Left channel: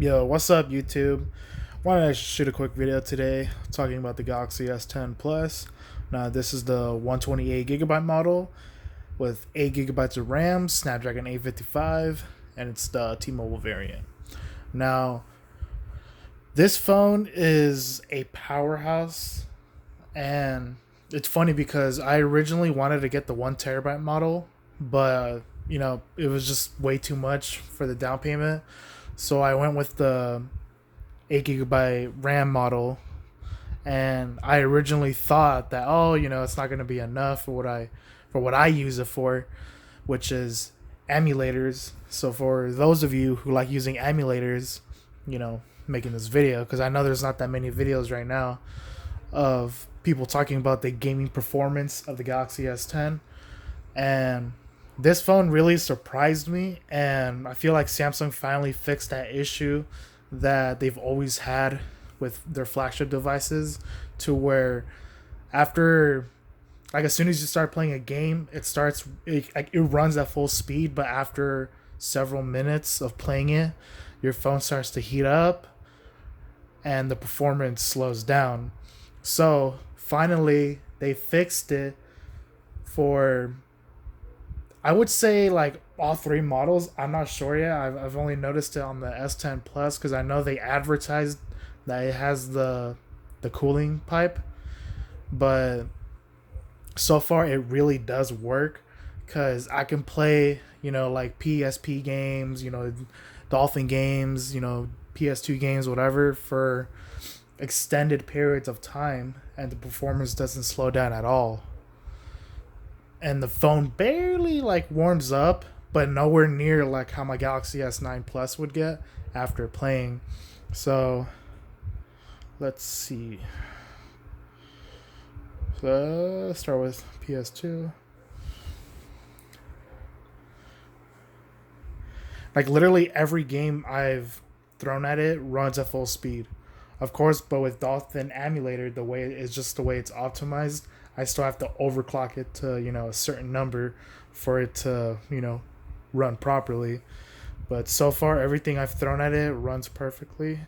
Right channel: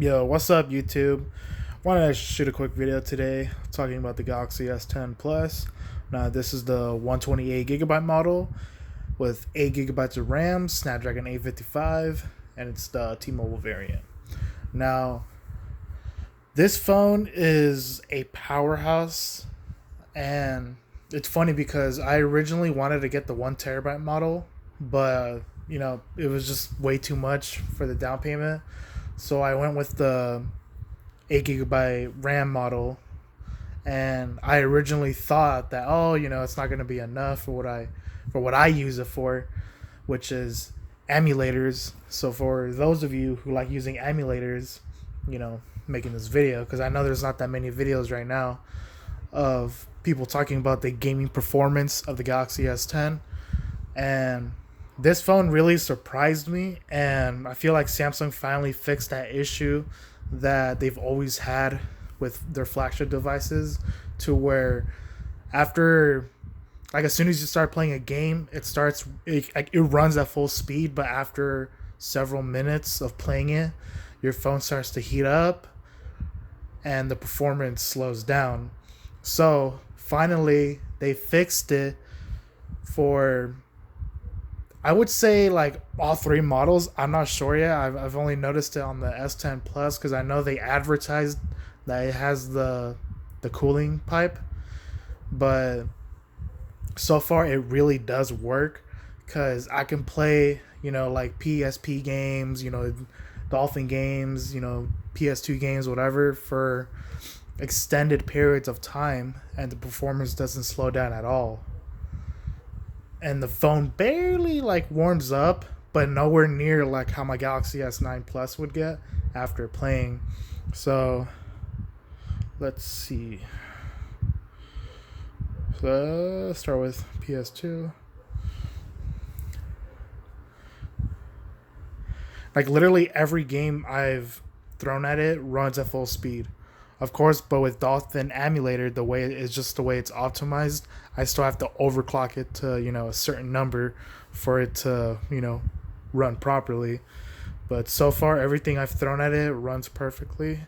Yo, what's up, YouTube? Wanted to shoot a quick video today talking about the Galaxy S10 Plus. Now, this is the 128 GB model with 8 GB of RAM, Snapdragon 855, and it's the T-Mobile variant. Now, this phone is a powerhouse, and it's funny because I originally wanted to get the 1 TB model, but it was just way too much for the down payment. So I went with the 8 GB RAM model, and I originally thought that it's not gonna be enough for what I use it for, which is emulators. So for those of you who like using emulators, making this video, because I know there's not that many videos right now of people talking about the gaming performance of the Galaxy S10, and this phone really surprised me, and I feel like Samsung finally fixed that issue that they've always had with their flagship devices, to where after, like, as soon as you start playing a game, it runs at full speed, but after several minutes of playing it, your phone starts to heat up and the performance slows down. So finally they fixed it for, I would say, like, all three models. I'm not sure yet. I've only noticed it on the S10 Plus because I know they advertised that it has the cooling pipe, but so far it really does work because I can play like PSP games, Dolphin games, PS2 games, whatever, for extended periods of time, and the performance doesn't slow down at all, and the phone barely like warms up, but nowhere near like how my Galaxy S9 Plus would get after playing. So let's see. Let's start with PS2. Like, literally every game I've thrown at it runs at full speed. Of course, but with Dolphin emulator, the way it's just the way it's optimized, I still have to overclock it to, a certain number for it to, run properly. But so far, everything I've thrown at it runs perfectly.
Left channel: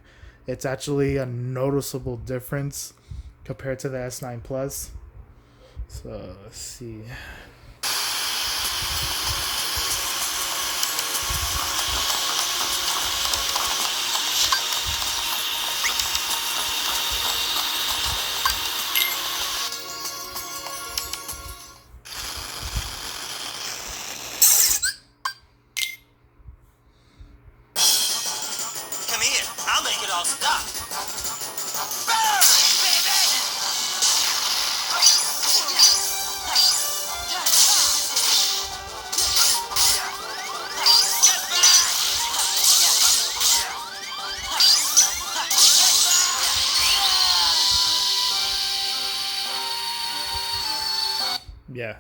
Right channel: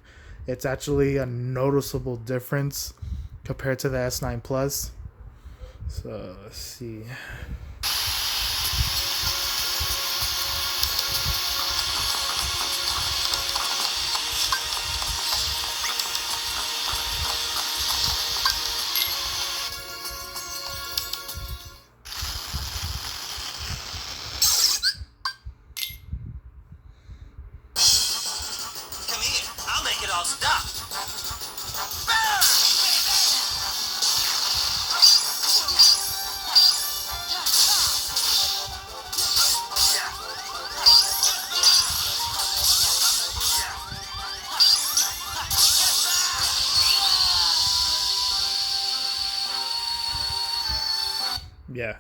It's actually a noticeable difference compared to the S9 Plus. So let's see. Come here, I'll make it all stop. Burn, baby! Yeah.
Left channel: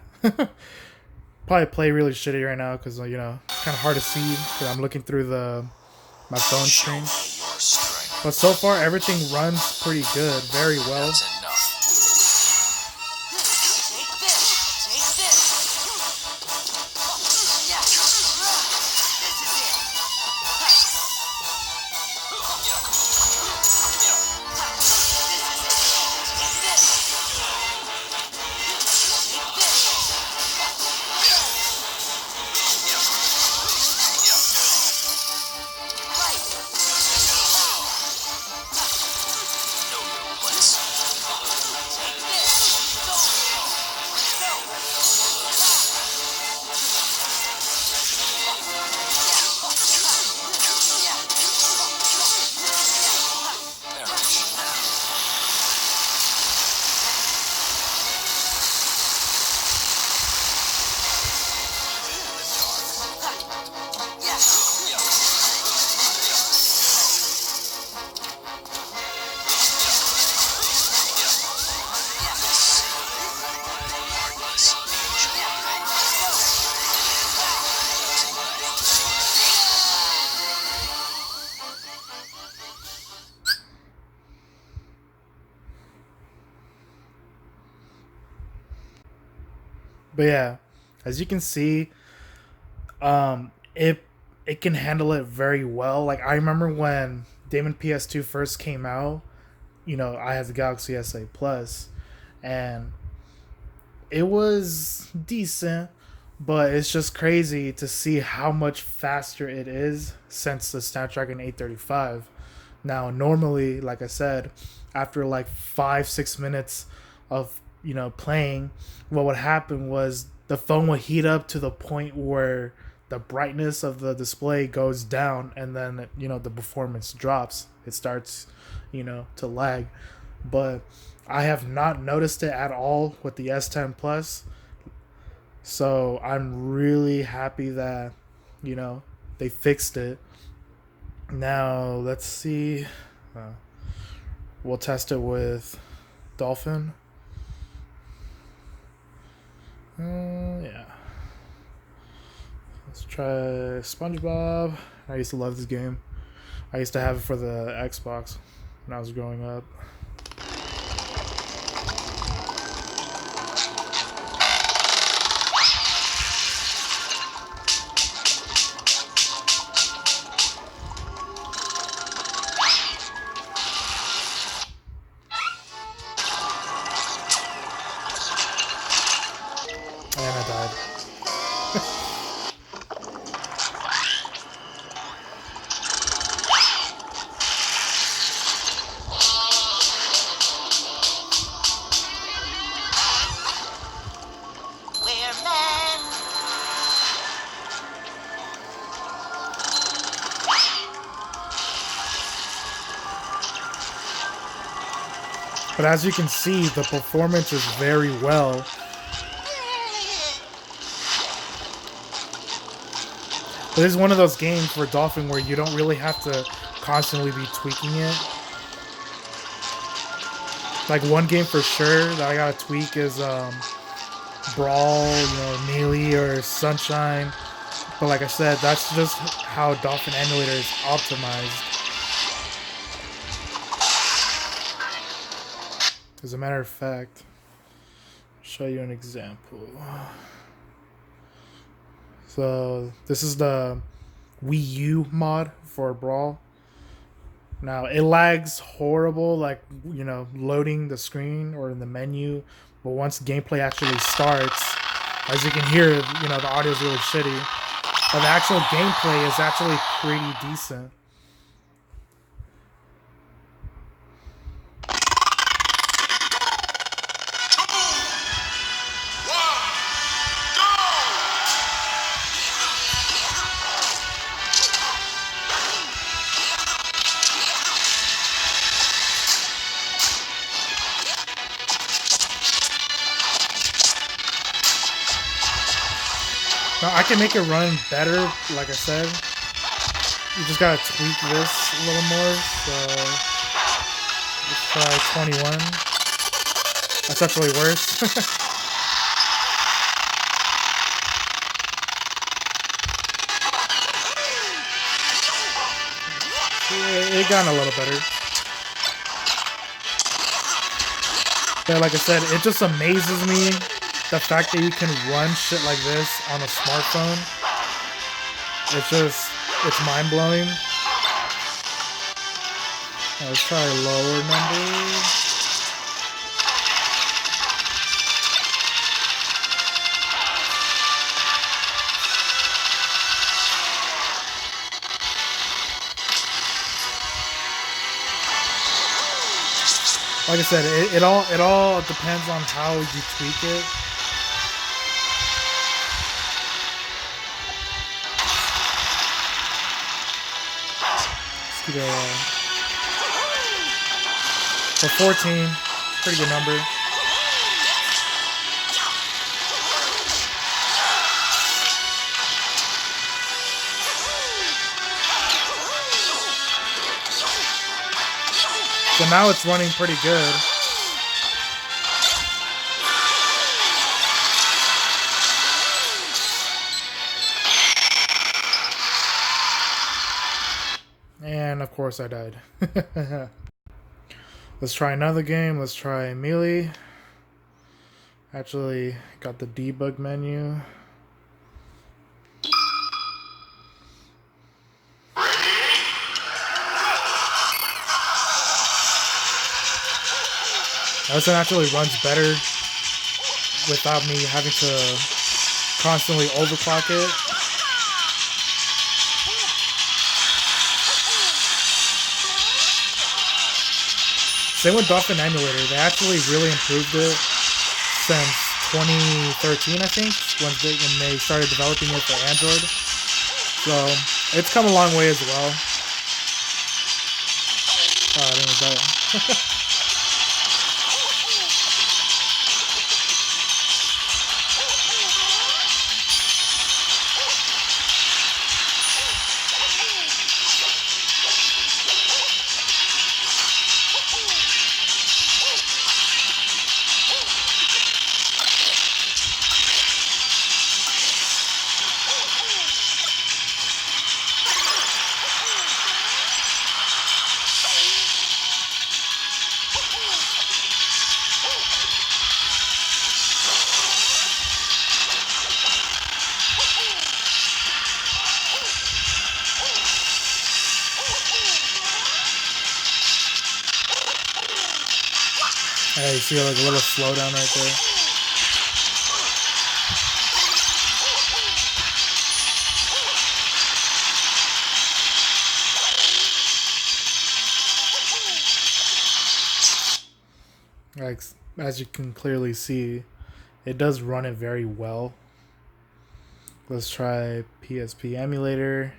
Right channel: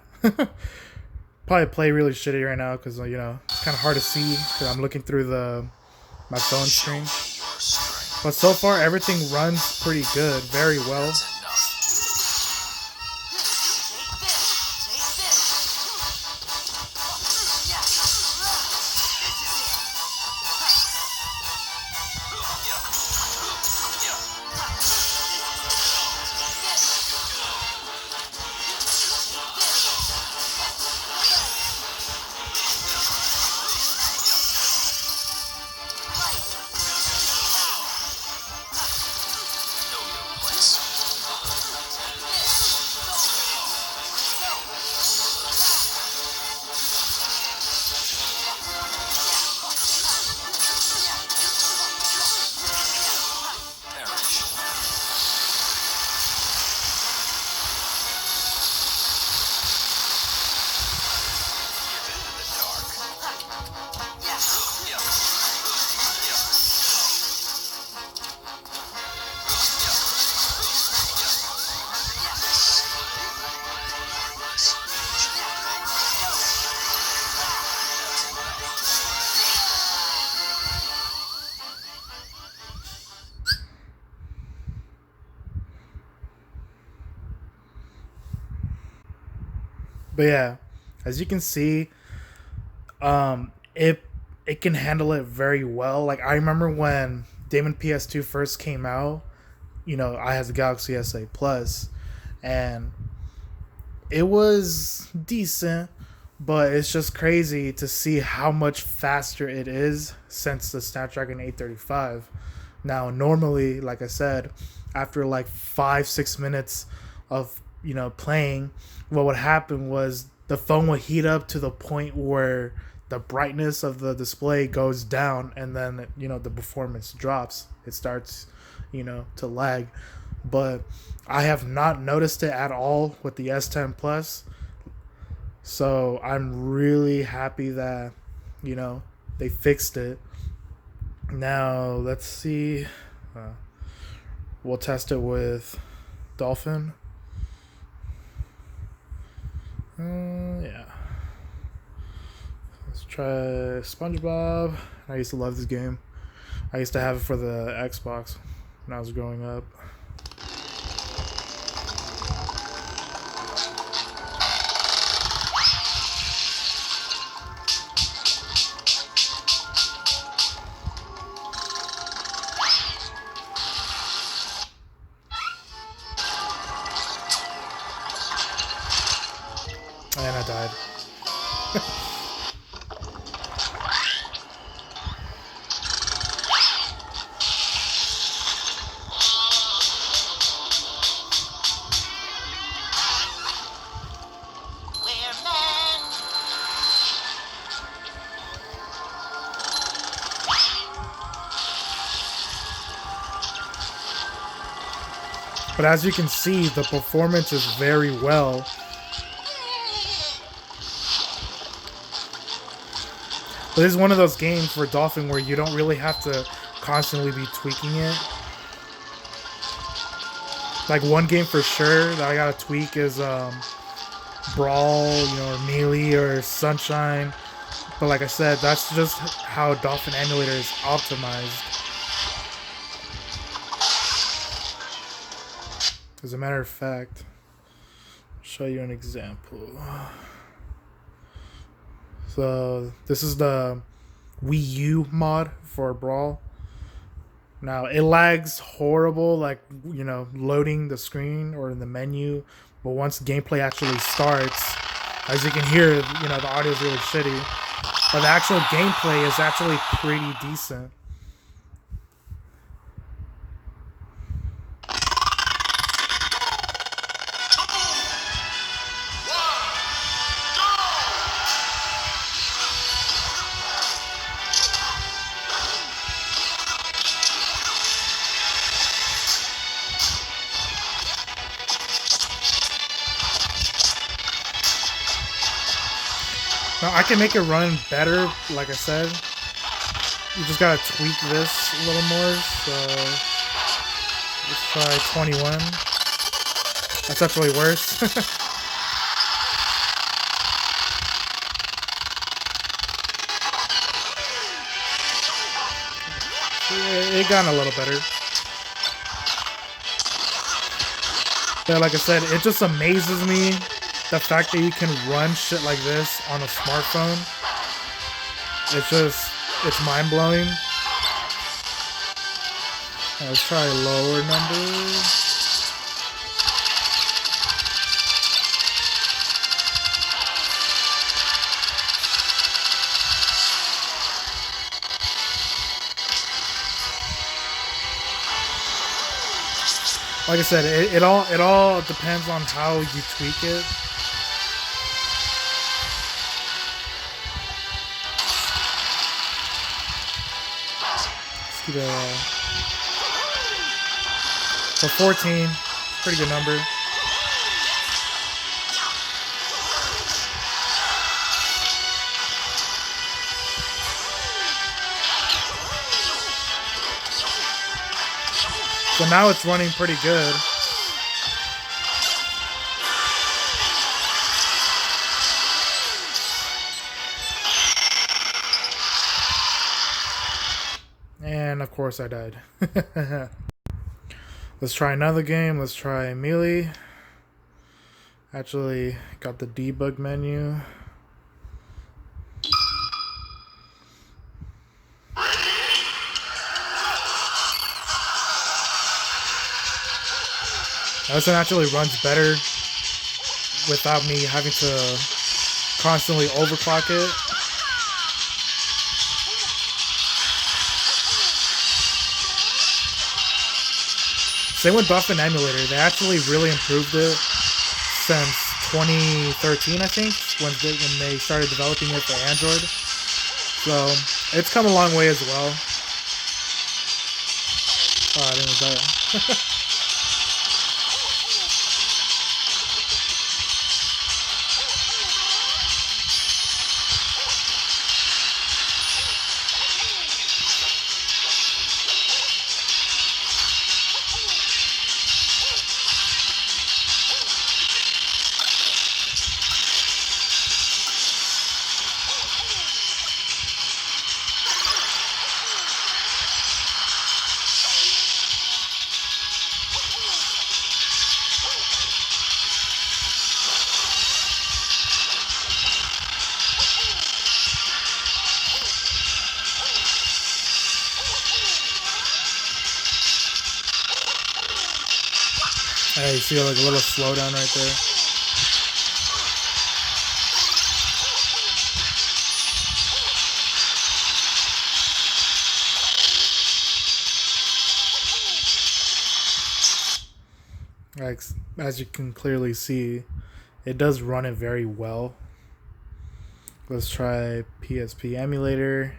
Probably play really shitty right now because it's kind of hard to see because I'm looking through my phone screen. But so far everything runs pretty good, very well. But yeah, as you can see, it it can handle it very well. Like I remember when Damon PS2 first came out, you know, I had the Galaxy S8 Plus, and it was decent, but it's just crazy to see how much faster it is since the Snapdragon 835. Now, normally, like I said, after like 5-6 minutes of playing, what would happen was the phone would heat up to the point where the brightness of the display goes down, and then the performance drops. It starts to lag, but I have not noticed it at all with the S10 Plus. So I'm really happy that they fixed it. Now let's see. We'll test it with Dolphin. Yeah. Let's try SpongeBob. I used to love this game. I used to have it for the Xbox when I was growing up. And I died. We're men. But as you can see, the performance is very well. But this is one of those games for Dolphin where you don't really have to constantly be tweaking it. Like one game for sure that I gotta tweak is Brawl, or Melee or Sunshine. But like I said, that's just how Dolphin Emulator is optimized. As a matter of fact, I'll show you an example. So this is the Wii U mod for Brawl. Now it lags horrible, like loading the screen or in the menu. But once gameplay actually starts, as you can hear, the audio is really shitty. But the actual gameplay is actually pretty decent. Now I can make it run better, like I said. You just gotta tweak this a little more. So let's try 21. That's actually worse. It got a little better. But like I said, it just amazes me the fact that you can run shit like this on a smartphone. It's mind-blowing. Let's try a lower number. Like I said, it all depends on how you tweak it. Let's keep it for 14, pretty good number. So now it's running pretty good. And of course I died. Let's try another game. Let's try Melee. Actually got the debug menu. This one actually runs better without me having to constantly overclock it. Same with Buff and Emulator. They actually really improved it since 2013, I think, when they started developing it for Android. So it's come a long way as well. Oh, I didn't even die. Hey, you see like a little slowdown right there. Like, as you can clearly see, it does run it very well. Let's try PSP emulator.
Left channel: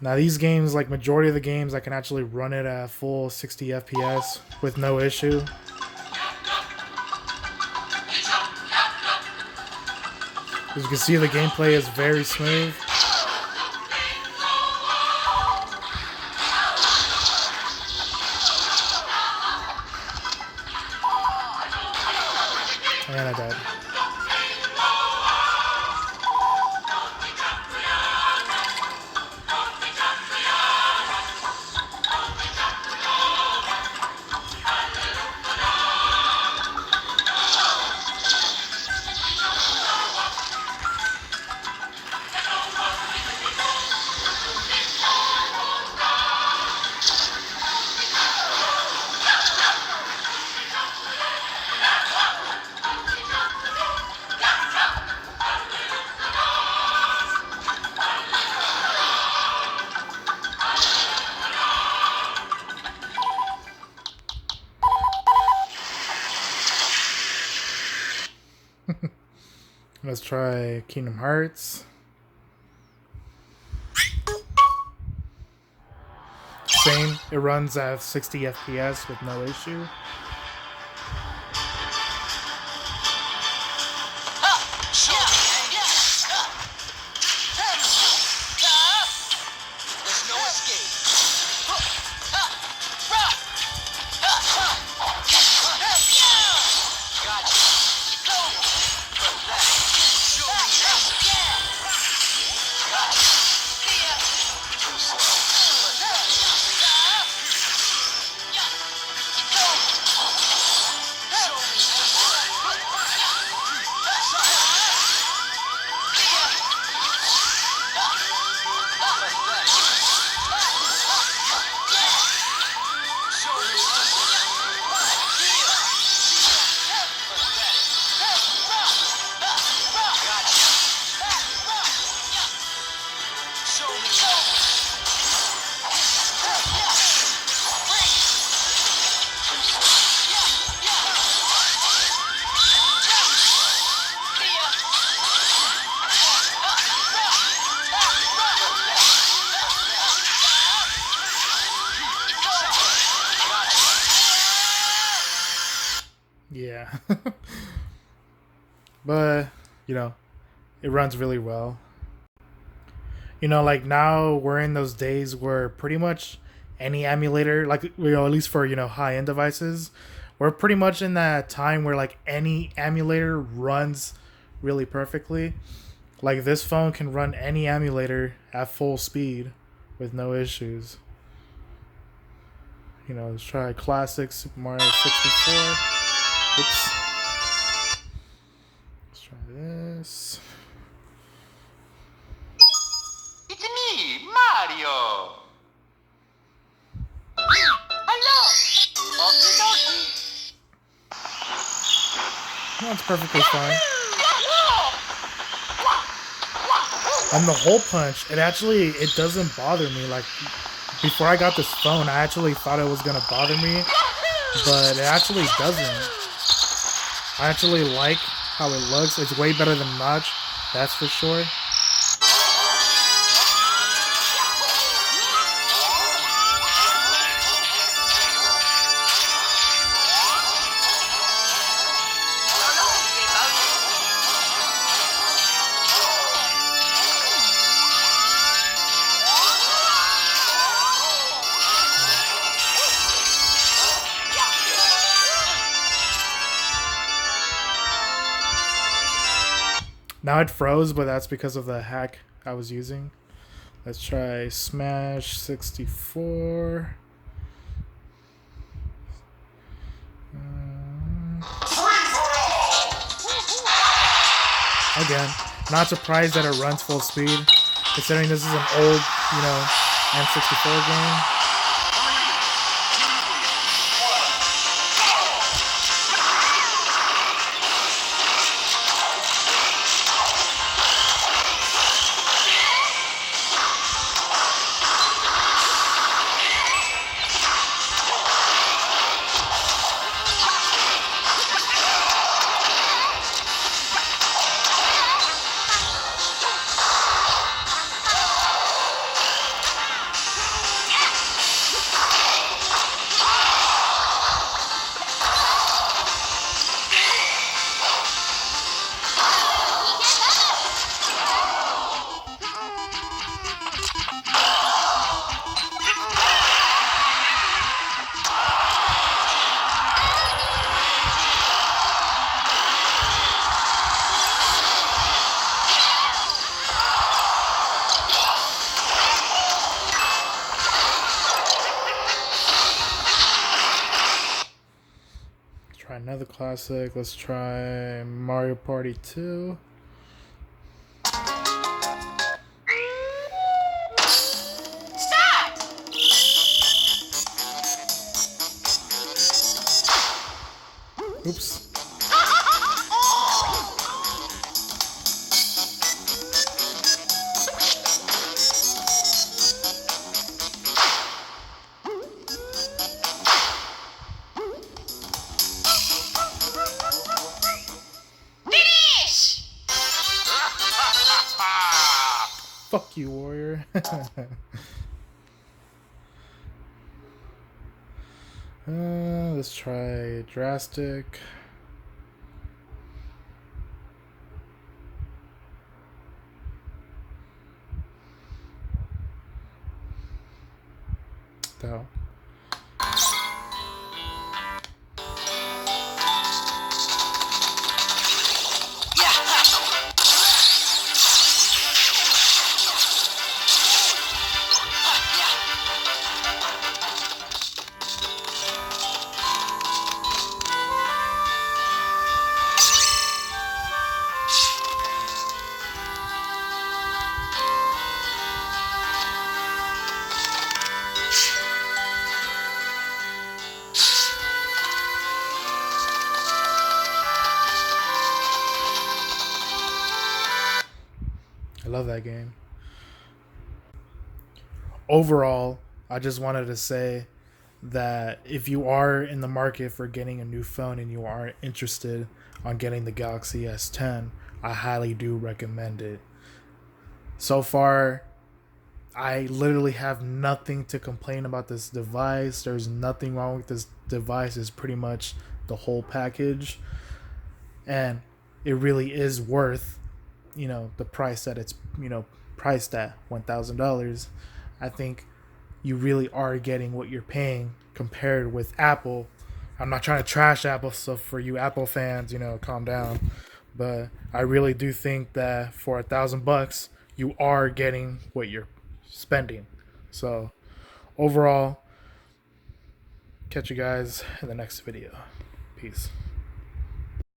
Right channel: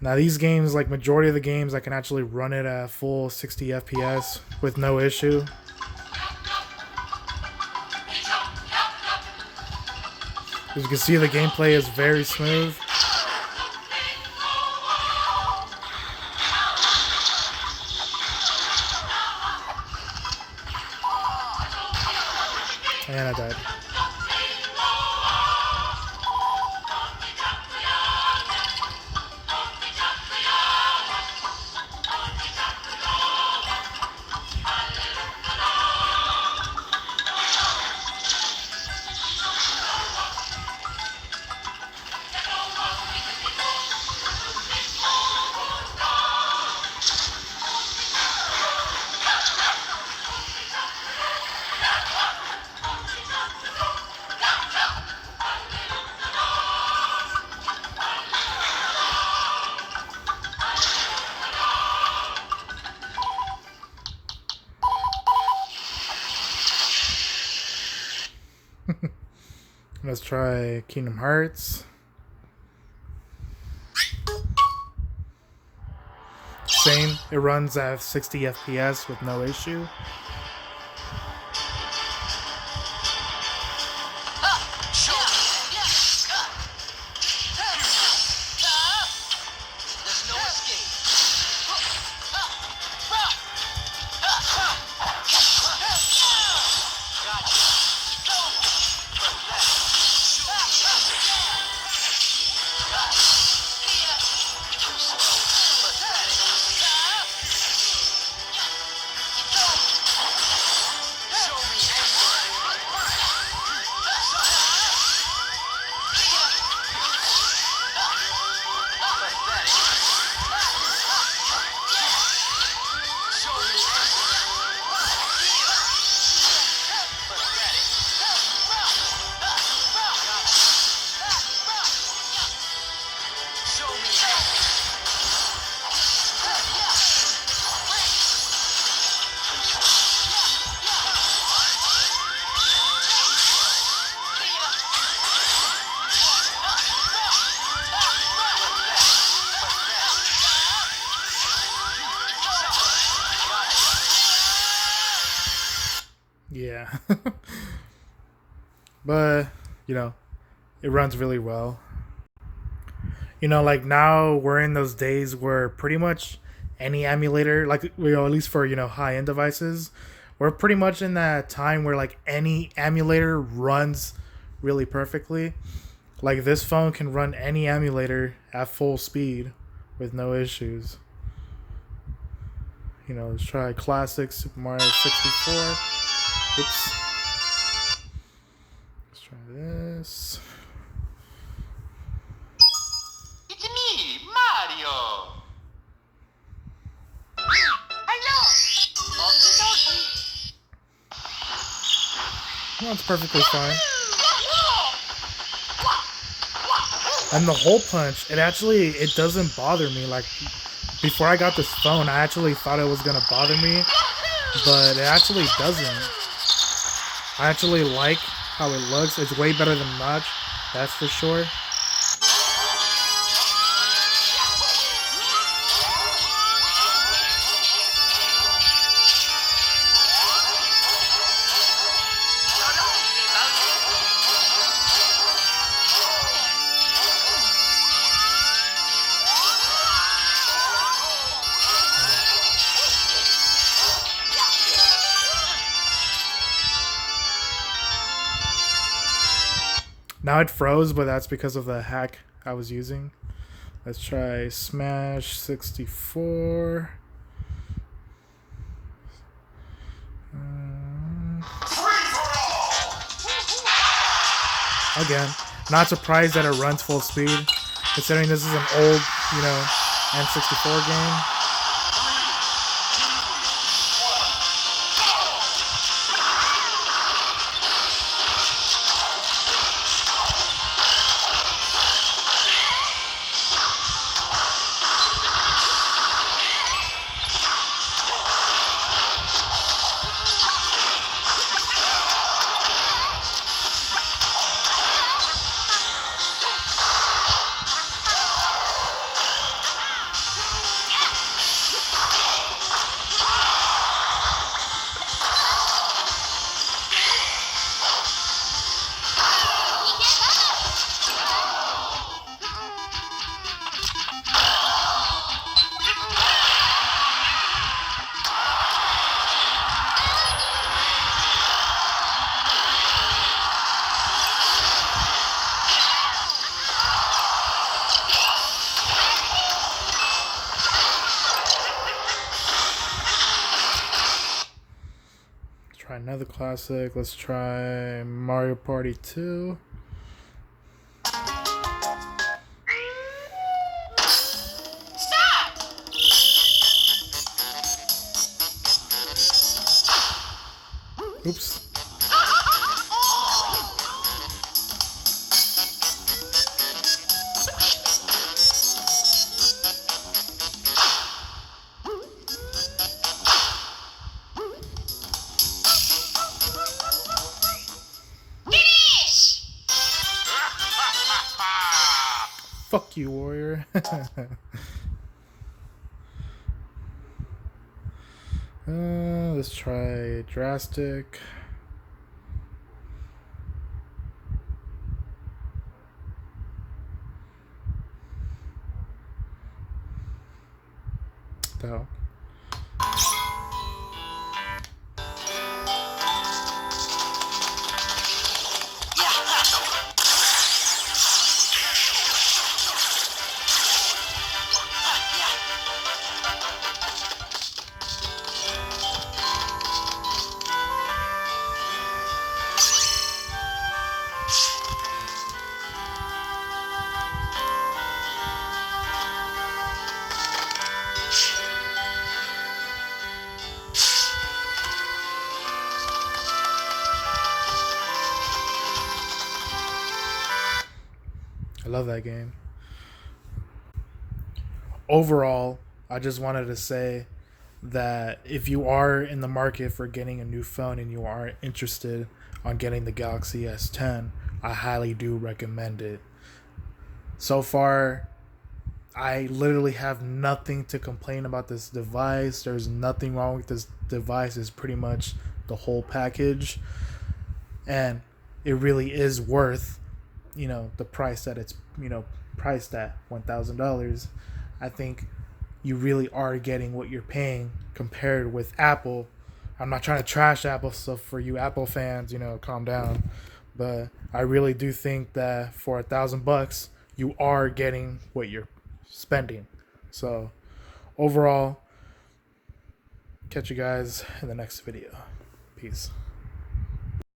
Now these games, like majority of the games, I can actually run it at full 60 FPS with no issue. As you can see, the gameplay is very smooth. And I died. Let's try Kingdom Hearts. Same, it runs at 60 FPS with no issue. Yeah. But, you know, it runs really well. You know, like now we're in those days where pretty much any emulator, like, you know, at least for, you know, high-end devices, we're pretty much in that time where like any emulator runs really perfectly. Like this phone can run any emulator at full speed with no issues. You know, let's try classic Super Mario 64. Oops. Let's try this. It's me, Mario. Hello. Okie dokie. That's perfectly fine. And the hole punch, it doesn't bother me. Like, before I got this phone, I actually thought it was gonna bother me, but it actually doesn't. I actually like how it looks. It's way better than Notch, that's for sure. Now it froze, but that's because of the hack I was using. Let's try Smash 64. Again, not surprised that it runs full speed, considering this is an old, N64 game. Try another classic. Let's try Mario Party 2. Oops. Fuck you, warrior. Let's try drastic. Though. I love that game. Overall, I just wanted to say that if you are in the market for getting a new phone and you are interested on getting the Galaxy S10, I highly do recommend it. So far, I literally have nothing to complain about this device. There's nothing wrong with this device. It's pretty much the whole package. And it really is worth, the price that it's, priced at, $1,000. I think you really are getting what you're paying compared with Apple. I'm not trying to trash Apple, so for you Apple fans, calm down. But I really do think that for $1,000, you are getting what you're spending. So overall, catch you guys in the next video. Peace.